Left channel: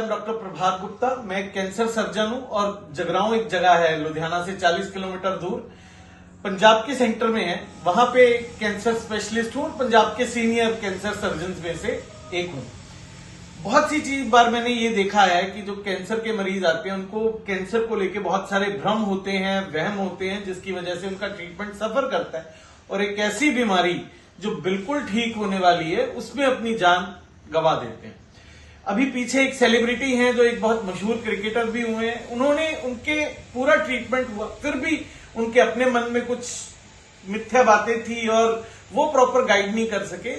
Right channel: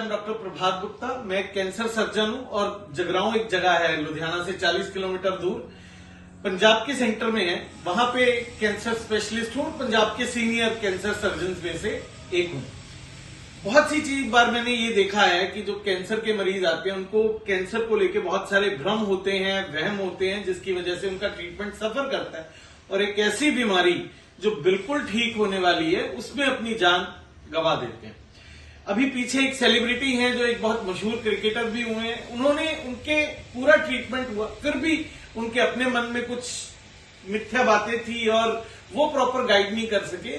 Doctor प्रभात गुप्ता, मैं cancer surgeon हूं और जगरांव एक जगह है लुधियाना से 40 किलोमीटर दूर, पंजाब के सेंटर में है। वहां पे कैंसर स्पेशलिस्ट हूं, पंजाब के सीनियर कैंसर सर्जन में से एक हूं। बहुत सी बार मैंने ये देखा है कि जो कैंसर के मरीज आते हैं उनको कैंसर को लेकर बहुत सारे भ्रम होते हैं, वहम होते हैं, जिसकी वजह से उनका ट्रीटमेंट सफर करता है और एक ऐसी बीमारी जो बिल्कुल ठीक होने वाली है उसमें अपनी जान गंवा देते हैं। अभी पीछे एक सेलिब्रिटी हैं जो एक बहुत मशहूर क्रिकेटर भी हुए हैं, उन्होंने उनके पूरा ट्रीटमेंट हुआ, फिर भी उनके अपने मन में कुछ मिथ्या बातें थी और वो प्रॉपर गाइड नहीं कर सके।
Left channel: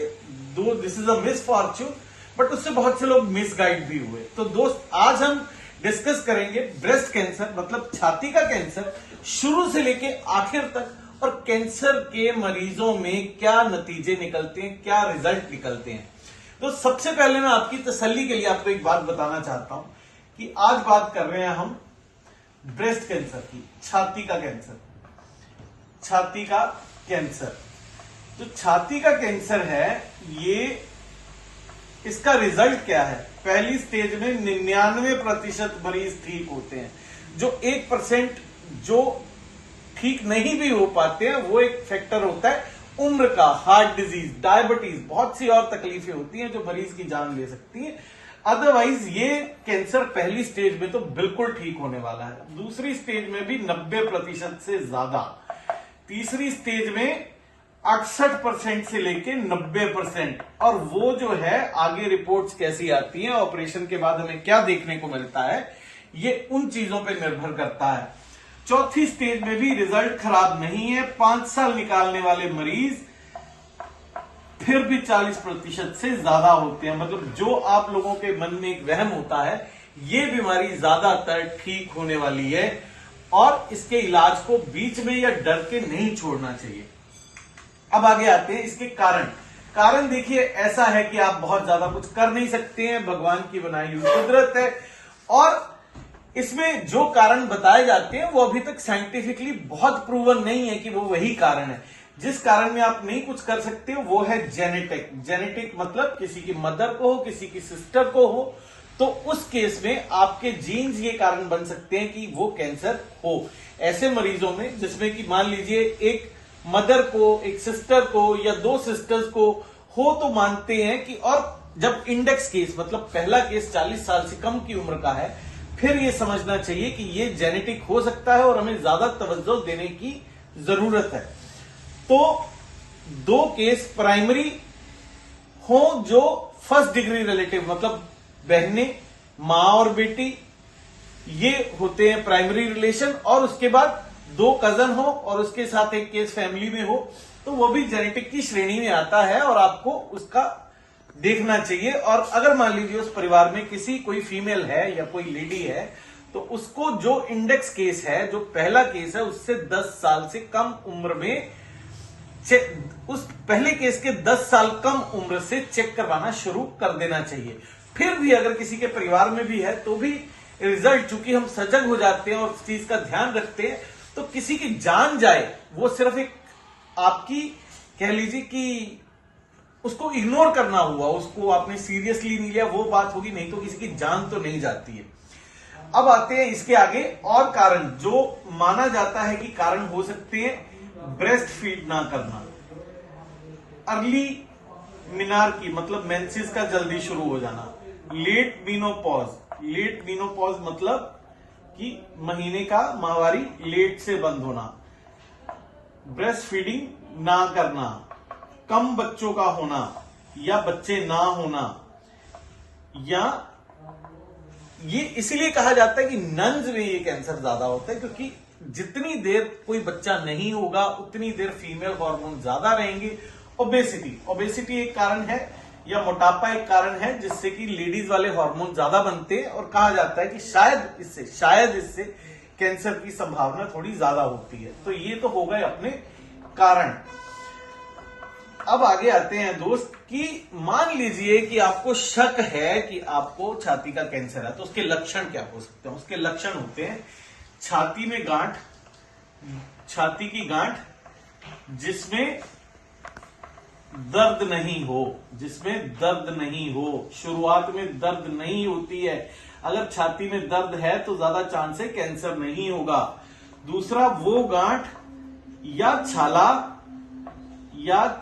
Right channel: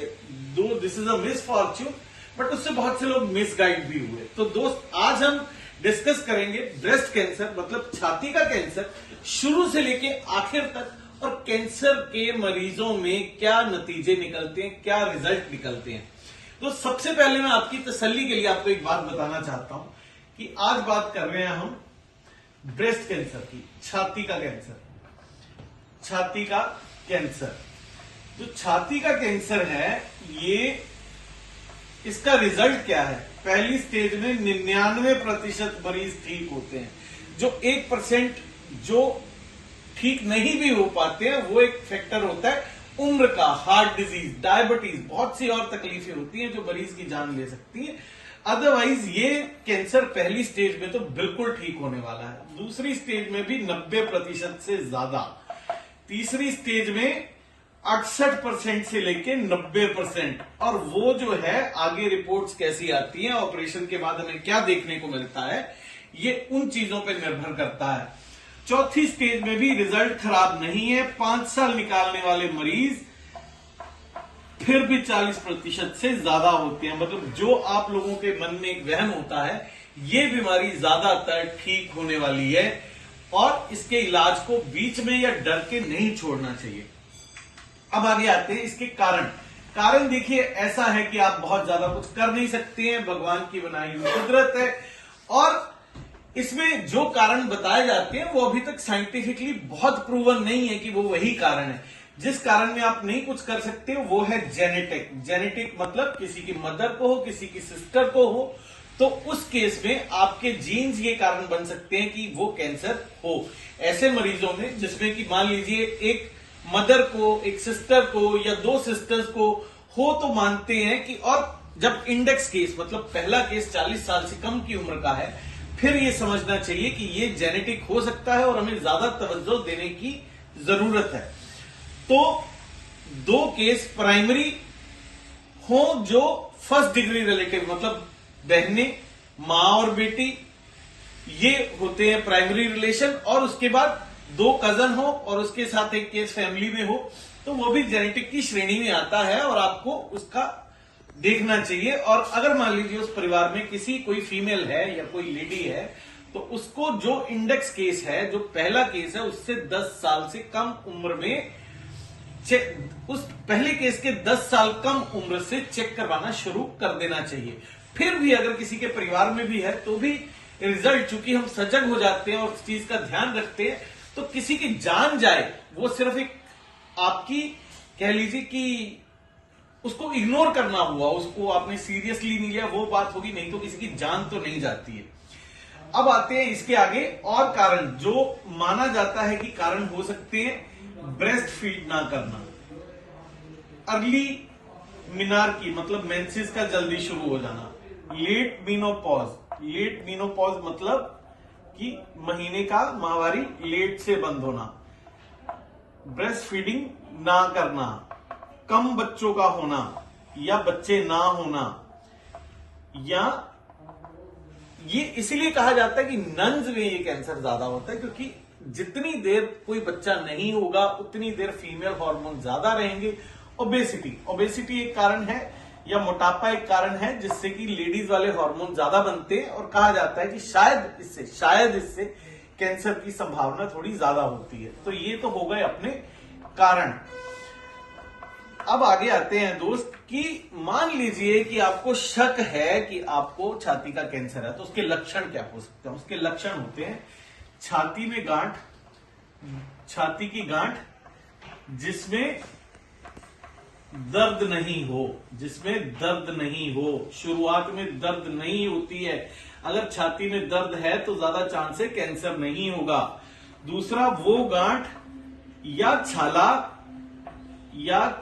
दो this is a miss Fortune, but उससे बहुत से लोग मिस गाइड भी हुए। तो दोस्त, आज हम डिस्कस करेंगे ब्रेस्ट कैंसर मतलब छाती का कैंसर शुरू से लेके आखिर तक, और कैंसर के मरीजों में क्या नतीजे निकलते हैं, क्या रिजल्ट निकलते हैं। तो सबसे पहले मैं आपकी तसल्ली के लिए आपको एक बात बताना चाहता हूं कि आज बात कर रहे हैं हम ब्रेस्ट कैंसर की, छाती का कैंसर। छाती का कैंसर, तो छाती का कैंसर है ये, इसका रिजल्ट क्या है। पहली स्टेज में 99% मरीज ठीक होते हैं। जो 1% जो ठीक नहीं भी हो पाते हैं वो एक फैक्टर होता है उम्र का, हार्ट डिजीज, डायबिटीज, बहुत सी और तकलीफें होती हैं जो मरीज की जान ले सकती हैं। अदरवाइज ये कैंसर पहली स्टेज में तो बिल्कुल ठीक होने वाला है, दूसरी स्टेज में भी 90% से ज्यादा, तीसरी स्टेज में 68% से लेके 90%, और वो जो है आगे रिपोर्ट्स कैसी आती हैं, ऑपरेशन के बाद हमें क्या देखने को मिलता है, ये उन चीजों पर निर्भर करता है। चौथी स्टेज में भी रिजल्ट खराब नहीं है, 5 साल निकालने वाले मरीज फिर भी 40% से ज्यादा होते हैं। मतलब जो आप लोगों के मन में एक वहम होता है, ये बीमारी ज्यादातर ठीक होने वाली है और इसके इलाज को बीच में या डर के नहीं छोड़ना चाहिए। अब आगे आते हैं इसके कारण। कारण देखिए ऐसा है कि आप बहुत ज्यादा कुछ कर नहीं सकते हैं, भगवान की बनाई हुई कुदरत है, और इसमें जो कारण बताए जाते हैं वो अभी तक साइंटिफिकली बहुत प्रूवन नहीं है कि वो वही कारण है। जिस कारण में आप नहीं कुछ कर सकते वो है जेनेटिक। जेनेटिक मतलब किसी की मदर को हो, किसी की सिस्टर को हो, तो उस केस में आपके जीन्स ये कारण बन सकते हैं कि वो कैंसर हो। ऐसे मरीजों में जिसमें कि मान लीजिए एक मदर को, एक सिस्टर को या 2 सिस्टर्स को हो तो मानते हैं कि, और जब इंडेक्स केस मतलब पहला केस 40 साल से कम की उम्र का है, फिर ये समझना चाहिए कि ये जेनेटिक हो सकता है और हमें ज्यादा तवज्जो देने की जरूरत है। तो 2 केस प्राइमरी हो जो फर्स्ट डिग्री रिलेटिव मतलब बहनें, मां और बेटी, ये होते हैं प्राइमरी रिलेशन, और उसके बाद 2 कजन हो और उसके साथ एक केस फैमिली में हो, तो वो भी जेनेटिक की श्रेणी में आता है और आपको उसका देखना चाहिए। और अगर मान लीजिए उस परिवार में कोई फीमेल है या कोई लेडी है, तो उसको जो इंडेक्स केस है, जो पहला केस है, उससे 10 साल से कम उम्र में उस पहले केस के 10 साल कम उम्र से चेक करवाना शुरू कर देना चाहिए। फिर भी अगर किसी के परिवार में भी है तो भी रिजल्ट, चूंकि हम सजग हो जाते हैं और उस चीज का ध्यान रखते हैं, तो किसी की जान जाए वो सिर्फ एक आपकी कह लीजिए कि उसको इग्नोर करना हुआ, उसको आपने सीरियसली नहीं लिया, वो बात होगी, नहीं तो किसी की जान तो नहीं जाती है। अब आते हैं इसके आगे और कारण जो माना जाता है कि कारण हो सकते हैं। ब्रेस्ट फीड ना करना, अर्ली मिनार्की मतलब मेंसेस का जल्दी शुरू हो जाना, लेट मीनोपॉज। लेट मीनोपॉज मतलब कि महीने का माहवारी लेट से बंद होना, ब्रेस्ट फीडिंग ना करना, कम बच्चों का होना या बच्चे ना होना, या ये इसलिए कहा जाता है कि नन्स में ये कैंसर ज्यादा होता है क्योंकि जितनी देर कोई बच्चा नहीं होगा उतनी देर फीमेल हार्मोन ज्यादा रहेंगे। ओबेसिटी एक कारण है, या मोटापा एक कारण है जिससे कि लेडीज वाले हार्मोन ज्यादा बनते हैं, और कहा जाता है कि शायद इससे कैंसर की संभावना थोड़ी ज्यादा होती है। तो ये तो हो गए अपने कारण। अब आगे आते हैं दोस्त कि मान लीजिए कि आपको शक है कि आपको छाती का कैंसर है, तो उसके लक्षण क्या हो सकते हैं। उसके लक्षण होते हैं छाती में गांठ, छाती की गांठ जिसमें दर्द नहीं हो, शुरुआत में दर्द नहीं होती है, अगर छाती में दर्द है तो ज्यादा चांस है कैंसर नहीं होगा। दूसरा, वो गांठ या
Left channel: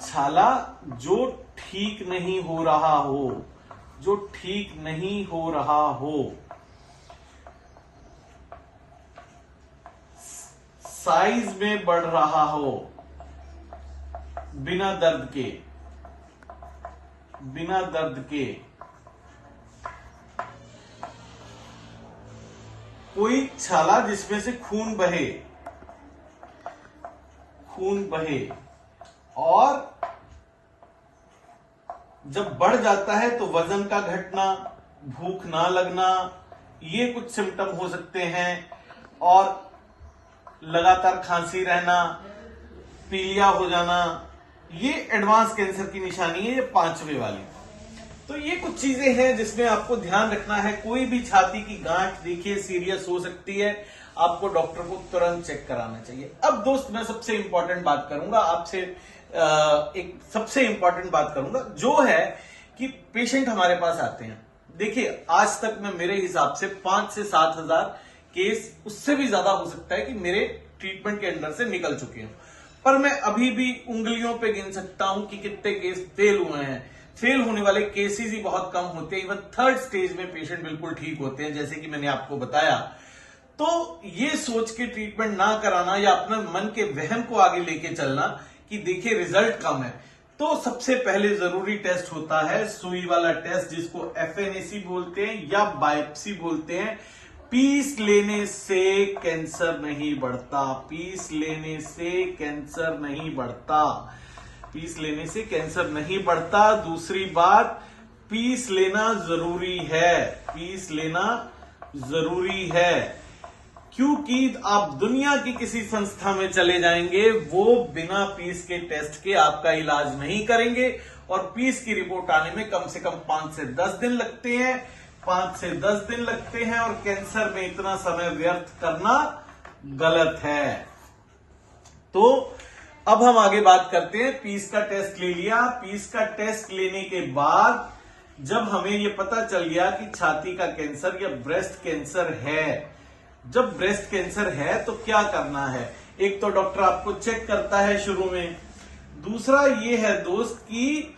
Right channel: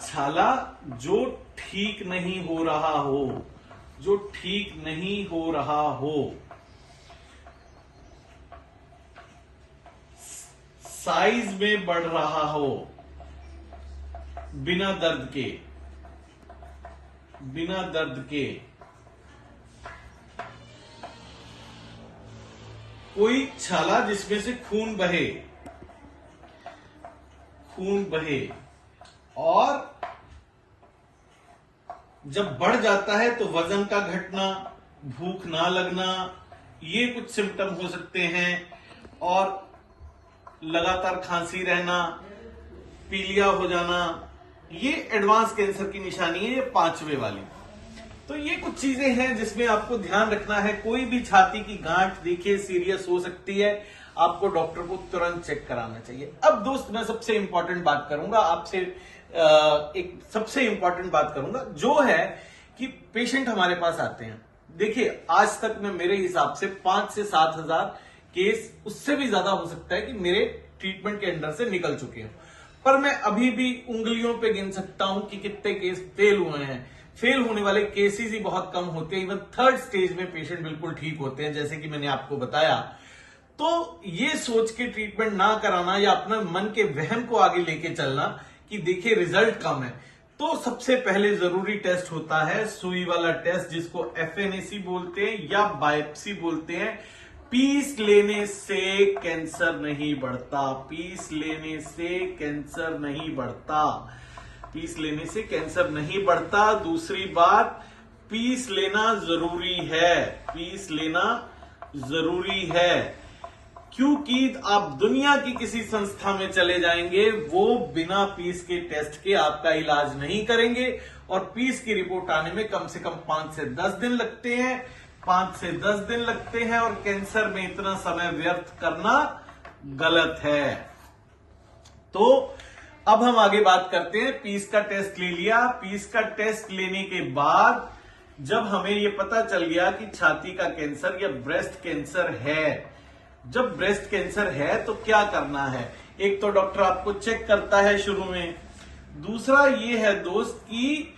छाला जो ठीक नहीं हो रहा हो, साइज में बढ़ रहा हो बिना दर्द के, कोई छाला जिसमें से खून बहे और जब बढ़ जाता है तो वजन का घटना, भूख ना लगना, ये कुछ सिम्टम हो सकते हैं। और लगातार खांसी रहना, पीलिया हो जाना, ये एडवांस कैंसर की निशानी है, ये 5वें वाली। तो ये कुछ चीजें हैं जिसमें आपको ध्यान रखना है। कोई भी छाती की गांठ देखिए सीरियस हो सकती है, आपको डॉक्टर को तुरंत चेक कराना चाहिए। अब दोस्त, मैं सबसे इंपॉर्टेंट बात करूंगा आपसे, एक सबसे इंपॉर्टेंट बात करूंगा जो है कि पेशेंट हमारे पास आते हैं। देखिए, आज तक मैं मेरे हिसाब से 5 से 7 हजार केस, उससे भी ज्यादा हो सकता है कि मेरे ट्रीटमेंट के अंडर से निकल चुके हैं, पर मैं अभी भी उंगलियों पे गिन सकता हूं कि कितने केस फेल हुए हैं। फेल होने वाले केसेस ही बहुत कम होते हैं। इवन 3rd स्टेज में पेशेंट बिल्कुल ठीक होते हैं, जैसे कि मैंने आपको बताया। तो ये सोच के ट्रीटमेंट ना कराना या अपने मन के वहम को आगे लेके चलना कि देखिए रिजल्ट कम है, तो सबसे पहले जरूरी टेस्ट होता है सुई वाला टेस्ट, जिसको FNAC बोलते हैं या बायोप्सी बोलते हैं। पीस लेने से कैंसर नहीं बढ़ता, पीस लेने से कैंसर नहीं बढ़ता। दूसरी बात, पीस लेना जरूरी है, क्योंकि आप दुनिया की किसी संस्था में चले जाएंगे, वो बिना पीस के टेस्ट के आपका इलाज नहीं करेंगे, और पीस की रिपोर्ट आने में कम से कम 5 से 10 दिन लगते हैं, और कैंसर में इतना समय व्यर्थ करना गलत है। तो अब हम आगे बात करते हैं। पीस का टेस्ट ले लिया। पीस का टेस्ट लेने के बाद जब हमें ये पता चल गया कि छाती का कैंसर या ब्रेस्ट कैंसर है, जब ब्रेस्ट कैंसर है तो क्या करना है? एक तो डॉक्टर आपको चेक करता है शुरू में। दूसरा ये है दोस्त कि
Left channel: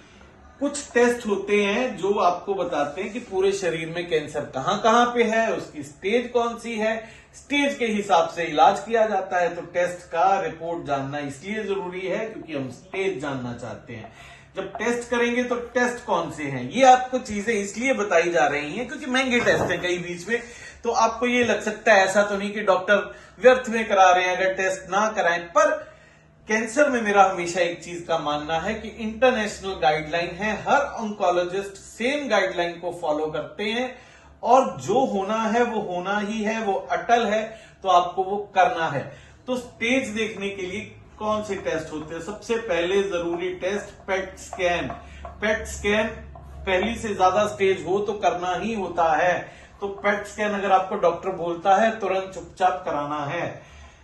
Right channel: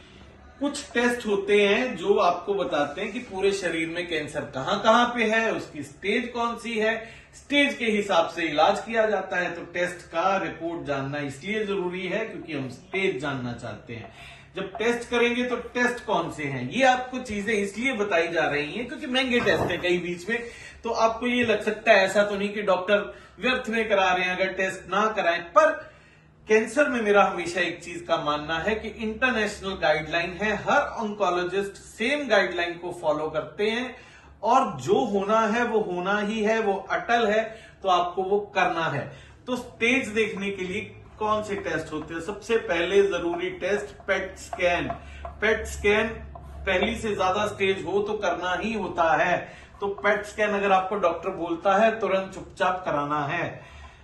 कुछ टेस्ट होते हैं जो आपको बताते हैं कि पूरे शरीर में कैंसर कहां कहां पे है, उसकी स्टेज कौन सी है। स्टेज के हिसाब से इलाज किया जाता है। तो टेस्ट का रिपोर्ट जानना इसलिए जरूरी है क्योंकि हम स्टेज जानना चाहते हैं। जब टेस्ट करेंगे तो टेस्ट कौन से हैं, ये आपको चीजें इसलिए बताई जा रही हैं क्योंकि महंगे टेस्ट हैं कई बीच में। तो आपको ये लग सकता है ऐसा तो नहीं कि डॉक्टर व्यर्थ में करा रहे हैं अगर टेस्ट ना कराएं, पर कैंसर में मेरा हमेशा एक चीज का मानना है कि इंटरनेशनल गाइडलाइन है, हर ऑन्कोलॉजिस्ट सेम गाइडलाइन को फॉलो करते हैं, और जो होना है वो होना ही है, वो अटल है, तो आपको वो करना है। तो स्टेज देखने के लिए कौन से टेस्ट होते हैं? सबसे पहले जरूरी test PET scan. PET scan पहली से ज्यादा स्टेज हो तो करना ही होता है। तो पेट स्कैन अगर आपको डॉक्टर बोलता है तुरंत चुपचाप कराना है।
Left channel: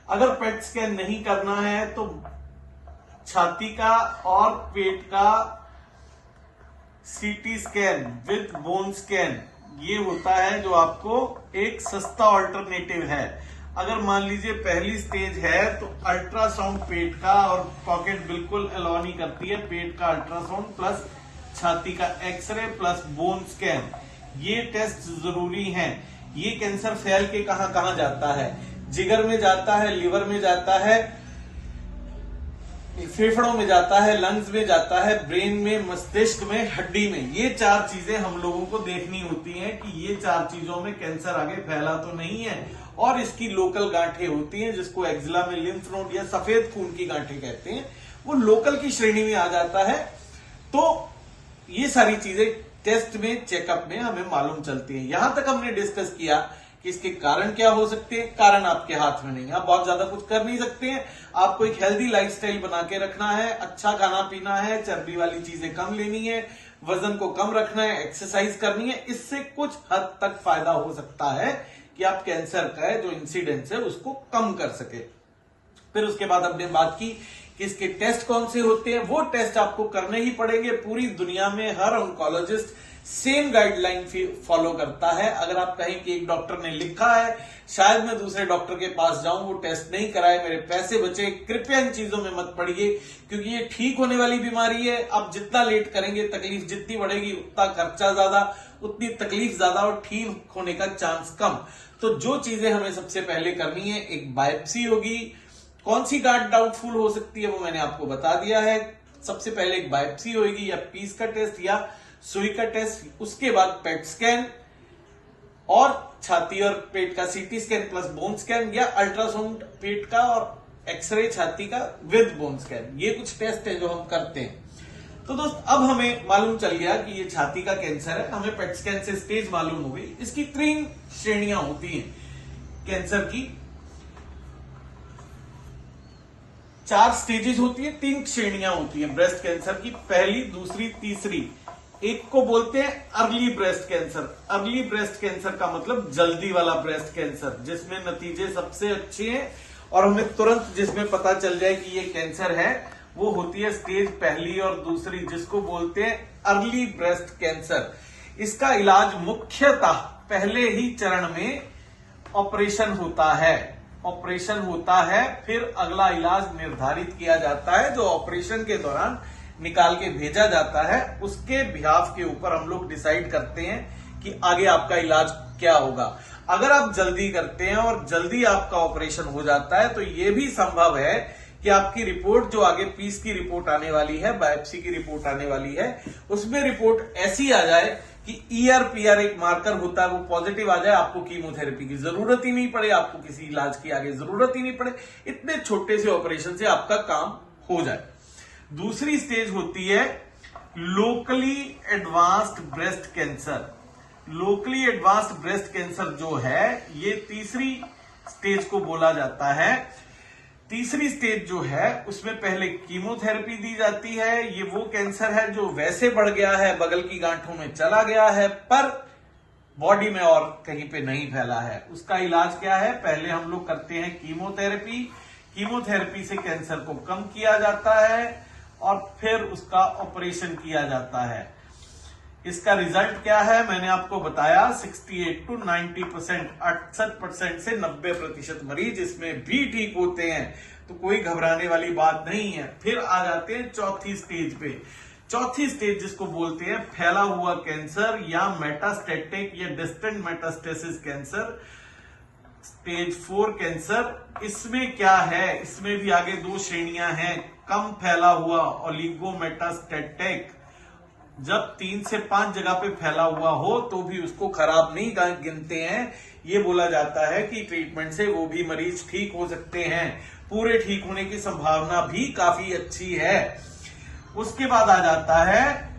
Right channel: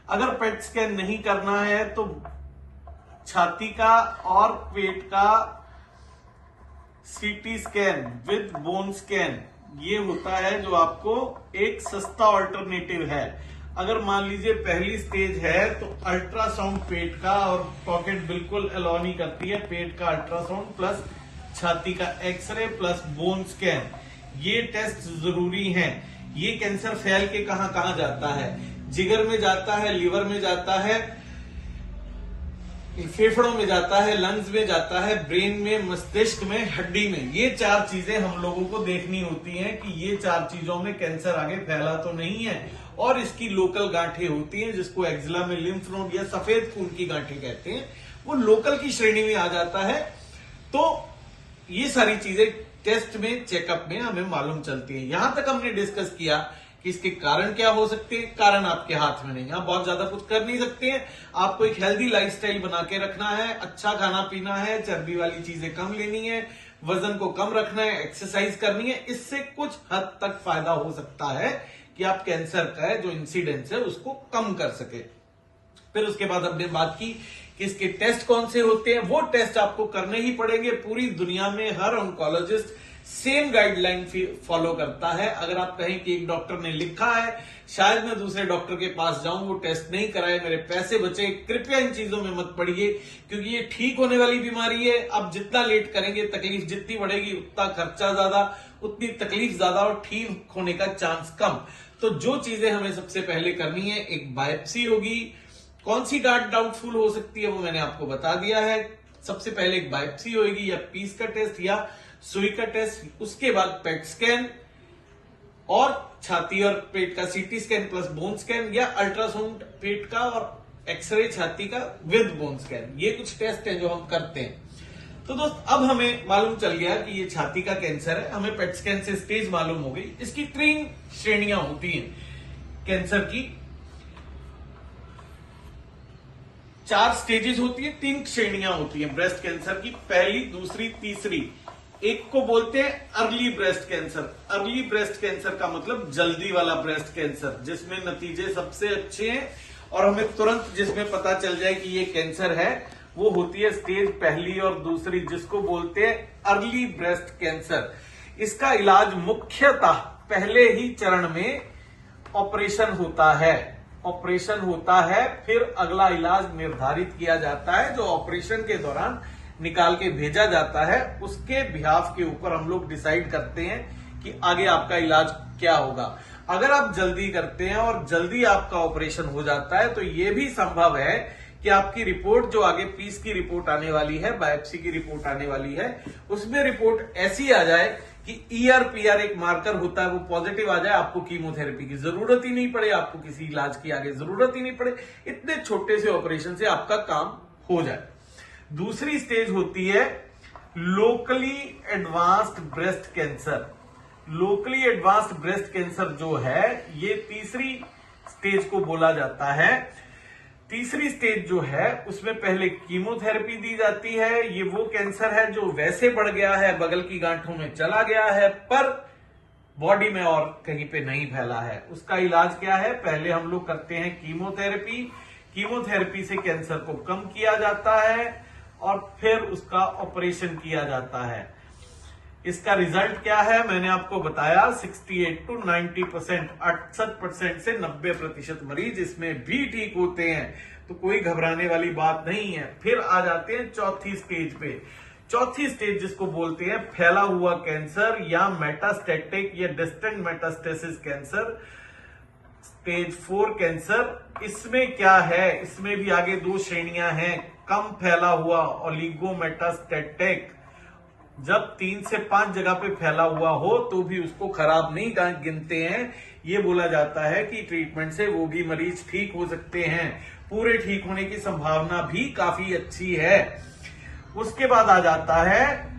अगर पेट स्कैन नहीं करना है तो छाती का और पेट का CT scan with bone scan, ये होता है जो आपको एक सस्ता ऑल्टरनेटिव है। अगर मान लीजिए पहली स्टेज है तो अल्ट्रासाउंड पेट का, और पॉकेट बिल्कुल अलाउ नहीं करती है, पेट का अल्ट्रासाउंड प्लस छाती का एक्सरे प्लस बोन स्कैन, ये टेस्ट जरूरी हैं। ये कैंसर फैल के कहां कहां जाता है? जिगर में जाता है, लिवर में जाता है, फेफड़ों में जाता है, लंग्स में जाता है, ब्रेन में, मस्तिष्क में, हड्डी में। ये 4 चीजें हम लोगों को देखनी होती हैं कि ये 4 चीजों में कैंसर आगे फैला तो नहीं है। और इसकी लोकल गांठें होती हैं जिसको एक्जिला में लिम्फ नोड या सफेद खून की गांठें कहते हैं, वो लोकल की श्रेणी में आ जाता है। तो ये सारी चीजें टेस्ट में, चेकअप में हमें मालूम चलती हैं। यहां तक हमने डिस्कस किया कि इसके कारण क्या हो सकते हैं। कारण आपके हाथ में नहीं, आप बहुत ज्यादा कुछ कर नहीं सकते हैं। आपको एक हेल्दी लाइफस्टाइल बना के रखना है, अच्छा खाना पीना है, चर्बी वाली चीजें कम लेनी है, वजन को कम रखना है, एक्सरसाइज करनी है। इससे कुछ हद तक फायदा हो सकता है कि आप कैंसर का जो इंसिडेंस है उसको कम कर सके। फिर उसके बाद हमने बात की कि इसके टेस्ट कौन से होते हैं। वो टेस्ट आपको करने ही पड़ेंगे। पूरी दुनिया में हर ऑन्कोलॉजिस्ट सेम गाइडलाइन फॉलो करता है। अगर आप कहें कि एक डॉक्टर ने लिखा है, शायद मैं दूसरे डॉक्टर के पास जाऊं, वो टेस्ट नहीं कराए, मेरे पैसे बचे, कृपया इन चीजों में मत पड़िए, क्योंकि ये ठीक होने वाली बीमारी है। अब जितना लेट करेंगे, तकलीफ जितनी बढ़ेगी, उतना खर्चा ज्यादा, उतनी तकलीफ ज्यादा और ठीक होने का चांस कम। तो जो चीजें हमें सबसे पहले करनी है, एक बायोप्सी होगी। कौन सी गांठ डाउटफुल हो सकती है वो मैंने आपको बता दिया है। सबसे पहले एक बायोप्सी होगी, या पीस का टेस्ट या सुई का टेस्ट, उसके बाद पेट स्कैन और छाती और पेट का CT scan plus bone scan, या अल्ट्रासाउंड पेट का और एक्सरे छाती का विद बोन स्कैन। ये कुछ टेस्ट है जो हम करते हैं। तो दोस्त, अब हमें मालूम चल गया कि ये छाती का कैंसर है, हमें पेट स्कैन से स्टेज मालूम हो गई। इसकी 3 श्रेणियां होती हैं कैंसर की, 4 स्टेजेस होती है, 3 श्रेणियां होती हैं ब्रेस्ट कैंसर की, पहली, दूसरी, तीसरी। एक को बोलते हैं early breast cancer. Early breast cancer का मतलब जल्दी वाला ब्रेस्ट कैंसर, जिसमें नतीजे सबसे अच्छे हैं और हमें तुरंत जिसमें पता चल जाए कि ये कैंसर है, वो होती है स्टेज पहली और दूसरी, जिसको बोलते हैं अर्ली ब्रेस्ट कैंसर। इसका इलाज मुख्यतः पहले ही चरण में ऑपरेशन होता है। ऑपरेशन होता है, फिर अगला इलाज निर्धारित किया जाता है, जो ऑपरेशन के दौरान निकाल के भेजा जाता है। उसके बिहाफ के ऊपर हम लोग डिसाइड करते हैं कि आगे आपका इलाज क्या होगा। अगर आप जल्दी करते हैं और जल्दी आपका ऑपरेशन हो जाता है, तो ये भी संभव है कि आपकी रिपोर्ट, जो आगे पीस की रिपोर्ट आने वाली है, बायोप्सी की रिपोर्ट आने वाली है, उसमें रिपोर्ट ऐसी आ जाए कि ER-PR एक मार्कर होता है, वो पॉजिटिव आ जाए, आपको कीमोथेरेपी की जरूरत ही नहीं पड़े, आपको किसी इलाज की आगे जरूरत ही नहीं पड़े, इतने छोटे से ऑपरेशन से आपका काम हो जाए। दूसरी स्टेज होती है locally advanced breast cancer. Locally advanced breast cancer जो है, ये तीसरी स्टेज को बोला जाता है। तीसरी स्टेज जो है, उसमें पहले कीमोथेरेपी दी जाती है। ये वो कैंसर है जो वैसे बढ़ गया है, बगल की गांठों में चला गया है, पर बॉडी में और कहीं पे नहीं फैला है। उसका इलाज क्या है? पहले हम लोग करते हैं कीमोथेरेपी। कीमोथेरेपी से कैंसर को कम किया जाता है और फिर उसका ऑपरेशन किया जाता है। इसका रिजल्ट क्या है? मैंने आपको बताया 68 to 90%, 68% से 90% मरीज इसमें भी ठीक होते हैं, तो कोई घबराने वाली बात नहीं है। फिर आ जाते हैं चौथी स्टेज पे। चौथी स्टेज जिसको बोलते हैं फैला हुआ कैंसर या मेटास्टेटिक या distant metastasis cancer, stage 4 cancer. इसमें क्या है? इसमें भी आगे 2 श्रेणियां हैं। कम फैला हुआ ओलिगोमेटास्टेटिक, जब 3 से 5 जगह पे फैला हुआ हो तो भी उसको खराब नहीं गिनते हैं। ये बोला जाता है कि ट्रीटमेंट से वो भी मरीज ठीक हो सकते हैं, पूरे ठीक होने की संभावना भी काफी अच्छी है। उसके बाद आ जाता है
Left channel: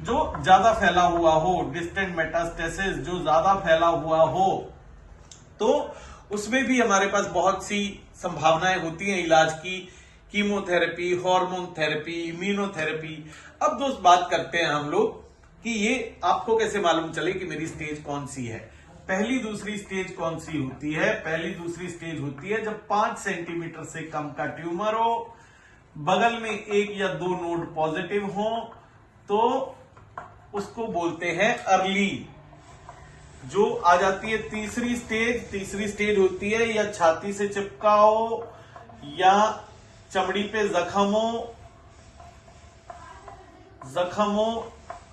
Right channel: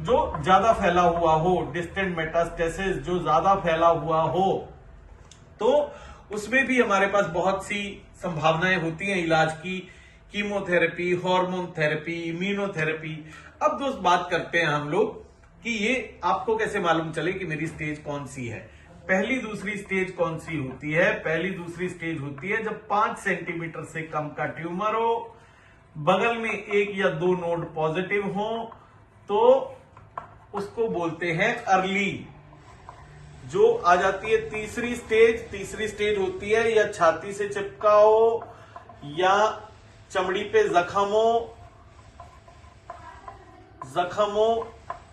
जो ज्यादा फैला हुआ हो, डिस्टेंट मेटास्टेसिस, जो ज्यादा फैला हुआ हो, तो उसमें भी हमारे पास बहुत सी संभावनाएं होती हैं इलाज की। Chemotherapy, hormone therapy, immunotherapy. अब दोस्त बात करते हैं हम लोग कि ये आपको कैसे मालूम चले कि मेरी स्टेज कौन सी है। पहली दूसरी स्टेज कौन सी होती है? पहली दूसरी स्टेज होती है जब 5 सेंटीमीटर से कम का ट्यूमर हो, बगल में 1 या 2 नोड पॉजिटिव हो, तो उसको बोलते हैं अर्ली। जो आ जाती है तीसरी स्टेज। तीसरी स्टेज होती है या छाती से चिपका हो, या चमड़ी पे जख्म हो,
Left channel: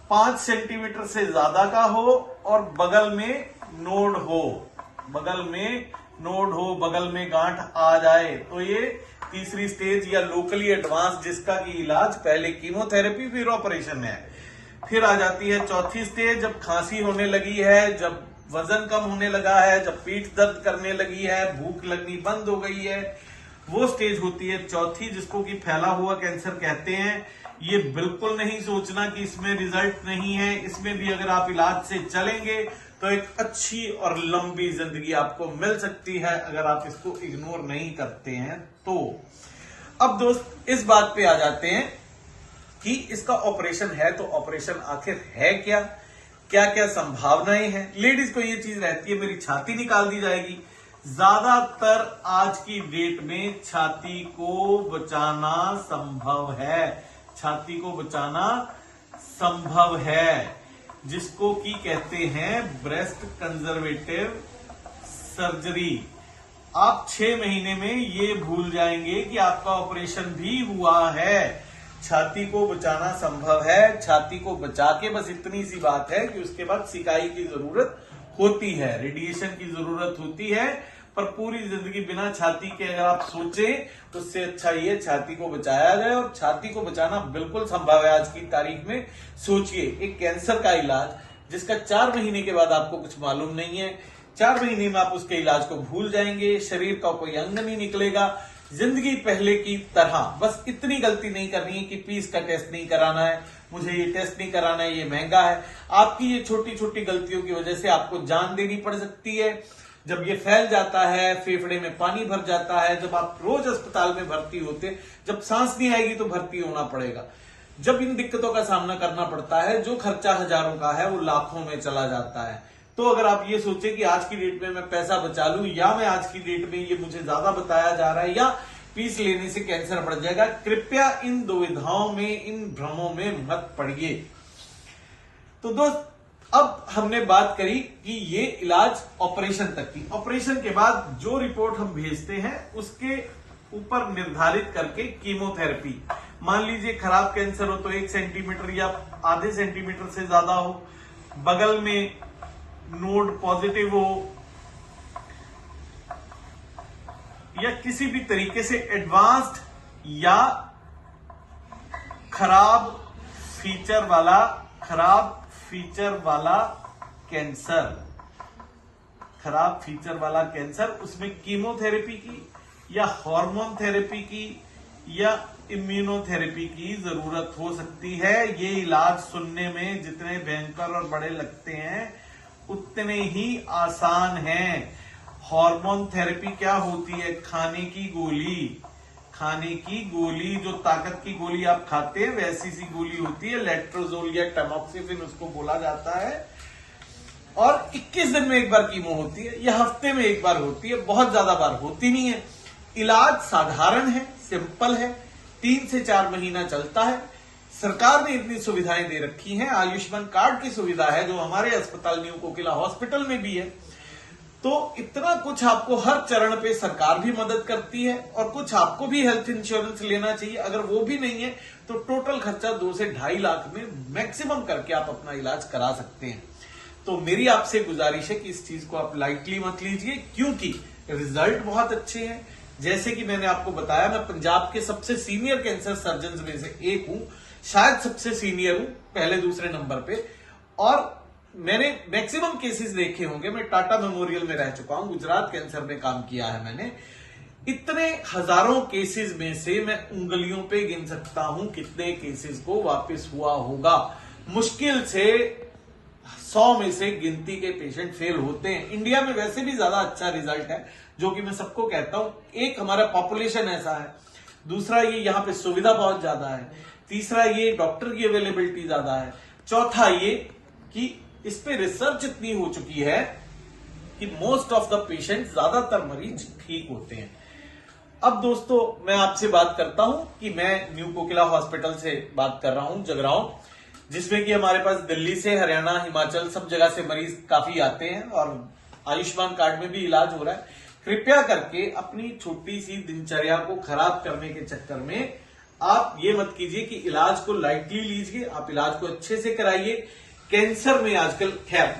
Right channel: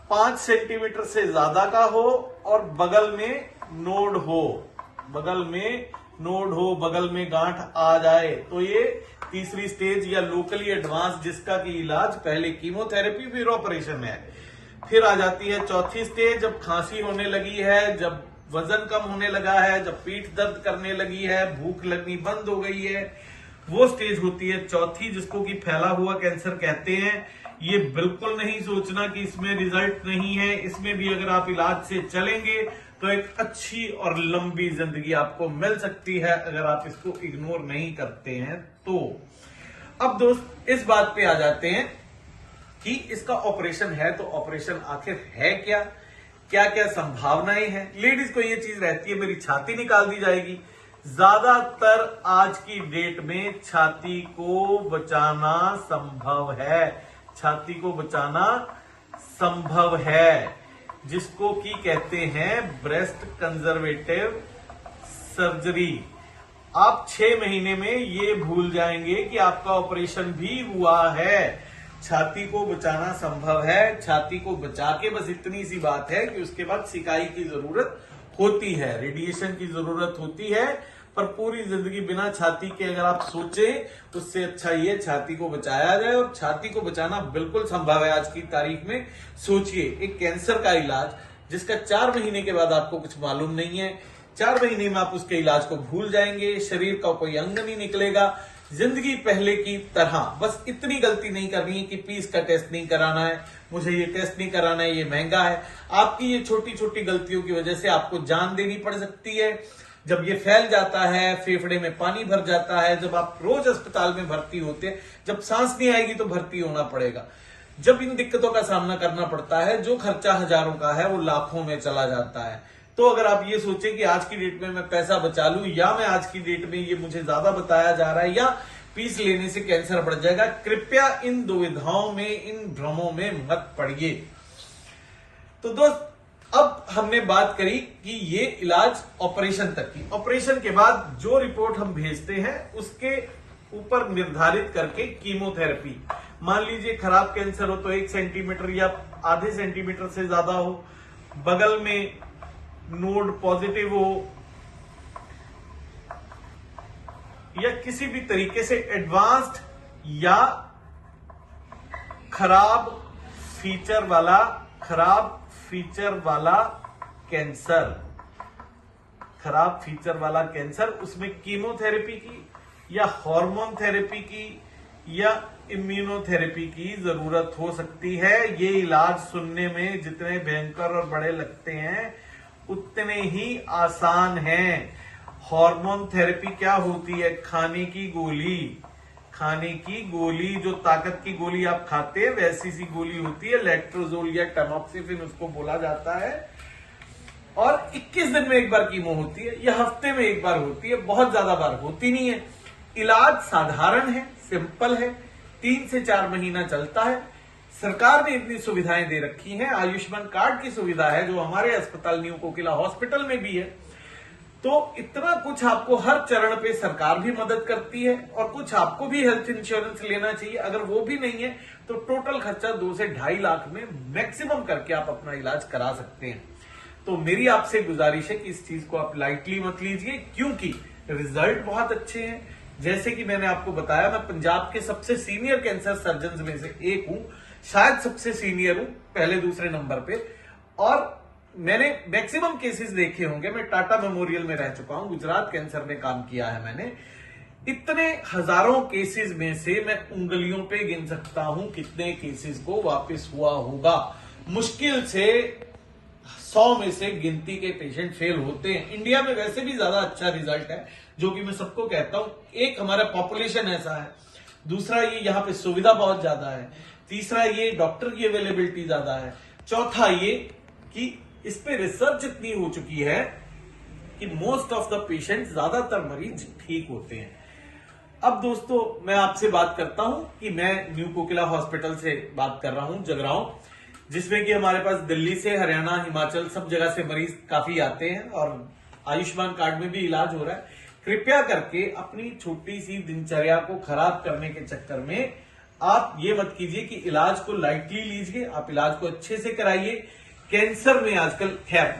5 सेंटीमीटर से ज्यादा का हो और बगल में नोड हो, बगल में गांठ आ जाए, तो ये तीसरी स्टेज या लोकली एडवांस, जिसका की इलाज पहले कीमोथेरेपी फिर ऑपरेशन है। फिर आ जाती है चौथी स्टेज, जब खांसी होने लगी है, जब वजन कम होने लगा है, जब पीठ दर्द करने लगी है, भूख लगनी बंद हो गई है, वो स्टेज होती है चौथी, जिसको कि फैला हुआ कैंसर कहते हैं। ये बिल्कुल नहीं सोचना कि इसमें रिजल्ट नहीं है, इसमें भी अगर आप इलाज से चलेंगे तो एक अच्छी और लंबी जिंदगी आपको मिल सकती है, अगर आप इसको इग्नोर नहीं करते हैं तो। अब दोस्त इस बात पे आ जाते हैं कि इसका ऑपरेशन है, तो ऑपरेशन आखिर है क्या, क्या क्या संभावनाएं हैं। लेडीज को ये चीज रहती है मेरी छाती निकाल दी जाएगी। ज्यादातर आज की डेट में छाती को बचाना संभव है, छाती को बचाना संभव है, जिसको कि कहते हैं ब्रेस्ट कंजर्वेटिव सर्जरी। आप 6 महीने में ये भूल जाएंगे कि आपका ऑपरेशन भी हुआ है। छाती को बचाना संभव है। छाती को बचा के बस इतनी सी बात है कि उसके बाद सिकाई की जरूरत होती है, रेडिएशन की जरूरत होती है, पर पूरी जिंदगी बिना छाती के अगर आप सोचें तो उससे अच्छा ये छाती को बचाया जाए। और छाती को बचाना बिल्कुल संभव है आज की तारीख में। सोचिए, एक कैंसर का इलाज जिसका 4 महीने के बाद आपको कुछ मालूम नहीं है, 4 महीने में आप उसके इलाज को भूल जाएंगे, शरीर का कोई अंग नहीं निकलेगा, जिंदगी पहले की तरह। बस इतनी गलती नहीं करनी है कि पीस का टेस्ट नहीं कराना है, मुझे ये टेस्ट नहीं कराना है, ये महंगा है। आपकी ये छोटी छोटी गलतियों की वजह से आपको जान देनी पड़ सकती है। जब ये फैल जाता है, फेफड़े में पानी भर जाता है, जब आप रोज अस्पताल में भर्ती होते हैं, जब सांस नहीं आएगी तो भर्ती होना पड़ेगा। जब इन दिक्कतों का सामना करना पड़ता है, जो खर्चा हजारों का है वो लाखों में चला जाता है। तो अगर आप ये सोचें कि आज की डेट में मैं पैसा बचा लूं, या मैं आज की डेट में ये मुझे ज्यादा बताया जा रहा है, या पीस लेने से कैंसर बढ़ जाएगा, कृपया इन दुविधाओं में, इन भ्रमों में मत पड़िए। तो दोस्त, अब हमने बात करी कि ये इलाज ऑपरेशन तक की। ऑपरेशन के बाद जो रिपोर्ट हम भेजते हैं उसके ऊपर निर्धारित करके कीमोथेरेपी, मान लीजिए खराब कैंसर हो तो 1 सेंटीमीटर या आधे सेंटीमीटर से ज्यादा हो, बगल में नोड पॉजिटिव हो, या किसी भी तरीके से एडवांस्ड या खराब फीचर वाला कैंसर, उसमें कीमोथेरेपी की या हार्मोन थेरेपी की या इम्यूनोथेरेपी की जरूरत हो सकती है। ये इलाज सुनने में जितने भयंकर और बड़े लगते हैं उतने ही आसान हैं। हार्मोन थेरेपी क्या होती है? खाने की गोली, जो ताकत की गोली आप खाते हैं वैसी सी गोली होती है, लेट्रोजोल या टैमॉक्सिफिन उसको बोला जाता है। और 21 दिन में एक बार कीमो होती है, या हफ्ते में एक बार होती है, बहुत ज्यादा बार होती नहीं है। इलाज साधारण है, सिंपल है, 3 से 4 महीना चलता है। सरकार ने इतनी सुविधाएं दे रखी हैं, आयुष्मान कार्ड की सुविधा है जो हमारे अस्पताल न्यू कोकिला हॉस्पिटल में भी है। तो इतना कुछ आपको हर चरण पे सरकार भी मदद करती है, और कुछ आपको भी हेल्थ इंश्योरेंस लेना चाहिए। अगर वो भी नहीं है तो टोटल खर्चा 2 से 2.5 लाख में मैक्सिमम करके आप अपना इलाज करा सकते हैं। तो मेरी आपसे गुजारिश है कि इस चीज को आप लाइटली मत लीजिए, क्योंकि रिजल्ट बहुत अच्छे हैं। जैसे कि मैंने आपको बताया, मैं पंजाब के सबसे सीनियर कैंसर सर्जन में से एक हूं, शायद सबसे सीनियर हूं, पहले दूसरे नंबर पे। और मैंने मैक्सिमम केसेस देखे होंगे। मैं टाटा मेमोरियल में रह चुका हूं, गुजरात कैंसर में काम किया है मैंने। इतने हजारों केसेस में से मैं उंगलियों पे गिन सकता हूं कितने केसेस को वापस हुआ होगा। मुश्किल से 100 में से गिनती के पेशेंट फेल होते हैं। इंडिया में वैसे भी ज्यादा अच्छा रिजल्ट है, जो कि मैं सबको कहता हूं। एक, हमारा पॉपुलेशन ऐसा है, दूसरा ये यहाँ पे सुविधा बहुत ज्यादा है, तीसरा ये डॉक्टर की अवेलेबिलिटी ज्यादा है, चौथा ये कि इस पे रिसर्च इतनी हो चुकी है कि मोस्ट ऑफ द पेशेंट, ज्यादातर मरीज ठीक होते हैं। अब दोस्तों, मैं आपसे बात करता हूं कि मैं न्यू कोकिला हॉस्पिटल से बात कर रहा हूं, जगरांव, जिसमें कि हमारे पास दिल्ली से, हरियाणा, हिमाचल सब जगह से मरीज काफी आते हैं, और आयुष्मान कार्ड में भी इलाज हो रहा है। कृपया करके अपनी छोटी सी दिनचर्या को खराब करने के चक्कर में आप ये मत कीजिए कि इलाज को लाइटली लीजिए। आप इलाज को अच्छे से कराइए। कैंसर में आजकल, खैर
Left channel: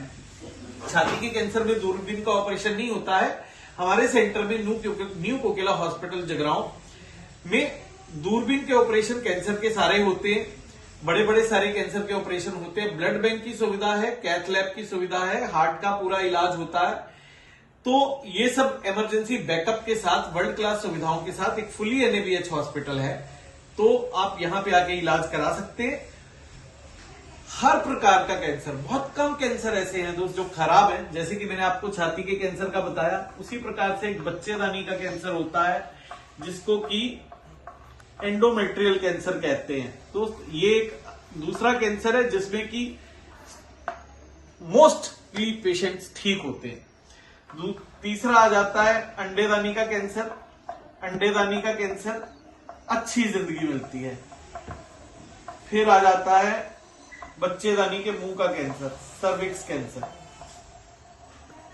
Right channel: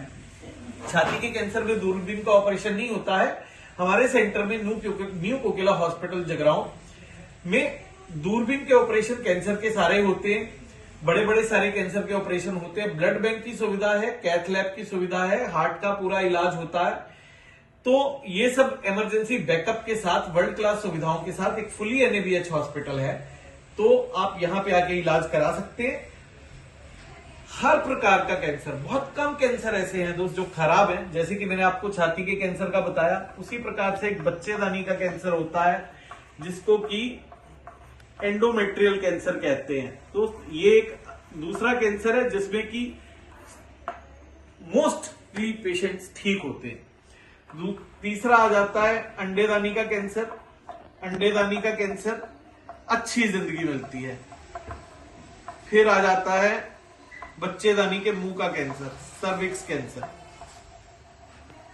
छाती के कैंसर में दूरबीन का ऑपरेशन नहीं होता है। हमारे सेंटर में न्यू कोकिला हॉस्पिटल जगरांव में दूरबीन के ऑपरेशन कैंसर के सारे होते हैं, बड़े बड़े सारे कैंसर के ऑपरेशन होते हैं। ब्लड बैंक की सुविधा है, कैथ लैब की सुविधा है, हार्ट का पूरा इलाज होता है। तो ये सब इमरजेंसी बैकअप के साथ, वर्ल्ड क्लास सुविधाओं के साथ एक फुली एनएबीएच हॉस्पिटल है। तो आप यहां पे आके इलाज करा सकते हैं। हर प्रकार का कैंसर, बहुत कम कैंसर ऐसे हैं दोस्त जो खराब है। जैसे कि मैंने आपको छाती के कैंसर का बताया, उसी प्रकार से एक बच्चेदानी का कैंसर होता है जिसको कि एंडोमेट्रियल कैंसर कहते हैं। तो ये एक दूसरा कैंसर है जिसमें कि मोस्टली पेशेंट्स ठीक होते हैं। तीसरा आ जाता है अंडेदानी का कैंसर। अंडेदानी का कैंसर अच्छी जिंदगी मिलती है। फिर आ जाता है बच्चेदानी के मुंह का कैंसर, सर्विक्स कैंसर।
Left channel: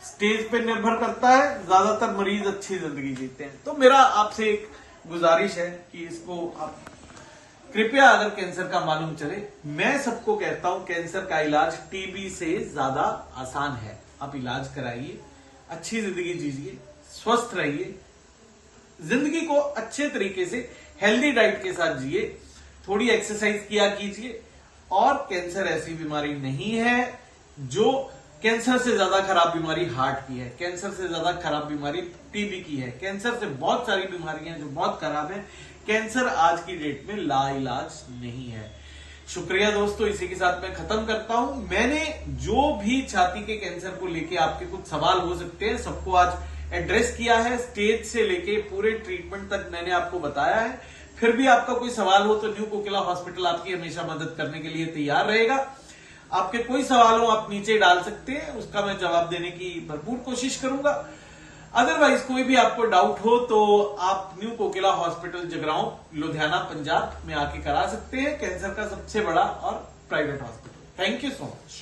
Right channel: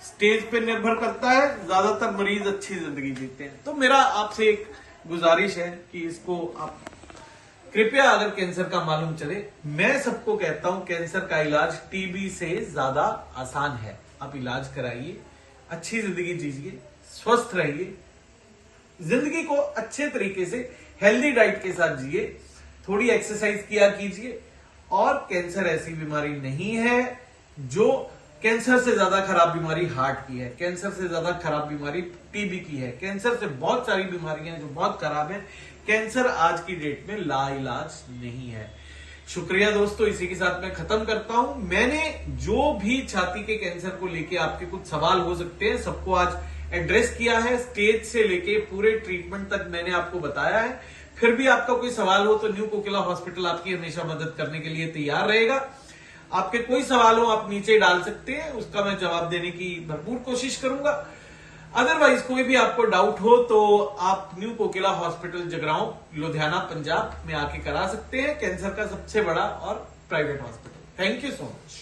स्टेज पे निर्भर करता है, ज्यादातर मरीज अच्छी जिंदगी जीते हैं। तो मेरा आपसे एक गुजारिश है कि इसको आप कृपया, अगर कैंसर का मालूम चले, मैं सबको कहता हूं कैंसर का इलाज टीबी से ज्यादा आसान है। आप इलाज कराइए, अच्छी जिंदगी जीजिए, स्वस्थ रहिए, जिंदगी को अच्छे तरीके से हेल्दी डाइट के साथ जिए, थोड़ी एक्सरसाइज किया कीजिए। और कैंसर ऐसी बीमारी नहीं है जो, कैंसर से ज्यादा खराब बीमारी हार्ट की है, कैंसर से ज्यादा खराब बीमारी टीबी की है, कैंसर से बहुत सारी बीमारियां जो बहुत खराब हैं। कैंसर आज की डेट में लाइलाज नहीं है। शुक्रिया दोस्तों, इसी के साथ मैं खत्म करता हूं। मैंने जो भी छाती के कैंसर को लेके आपके कुछ सवाल हो सकते हैं, सबको आज एड्रेस किया है। स्टेज से लेके पूरे ट्रीटमेंट तक मैंने आपको बताया है। फिर भी आपका कोई सवाल हो तो न्यू कोकिला हॉस्पिटल आपकी हमेशा मदद करने के लिए तैयार रहेगा। आपके कोई सवाल हो आप नीचे डाल सकते हैं, उसका मैं जवाब देने की भरपूर कोशिश करूंगा। अदरवाइज कोई भी आपको डाउट हो तो आप न्यू कोकिला हॉस्पिटल जगरांव, लुधियाना, पंजाब में आके करा सकते हैं। कैंसर का सबसे बड़ा और private hospital. Thank you so much.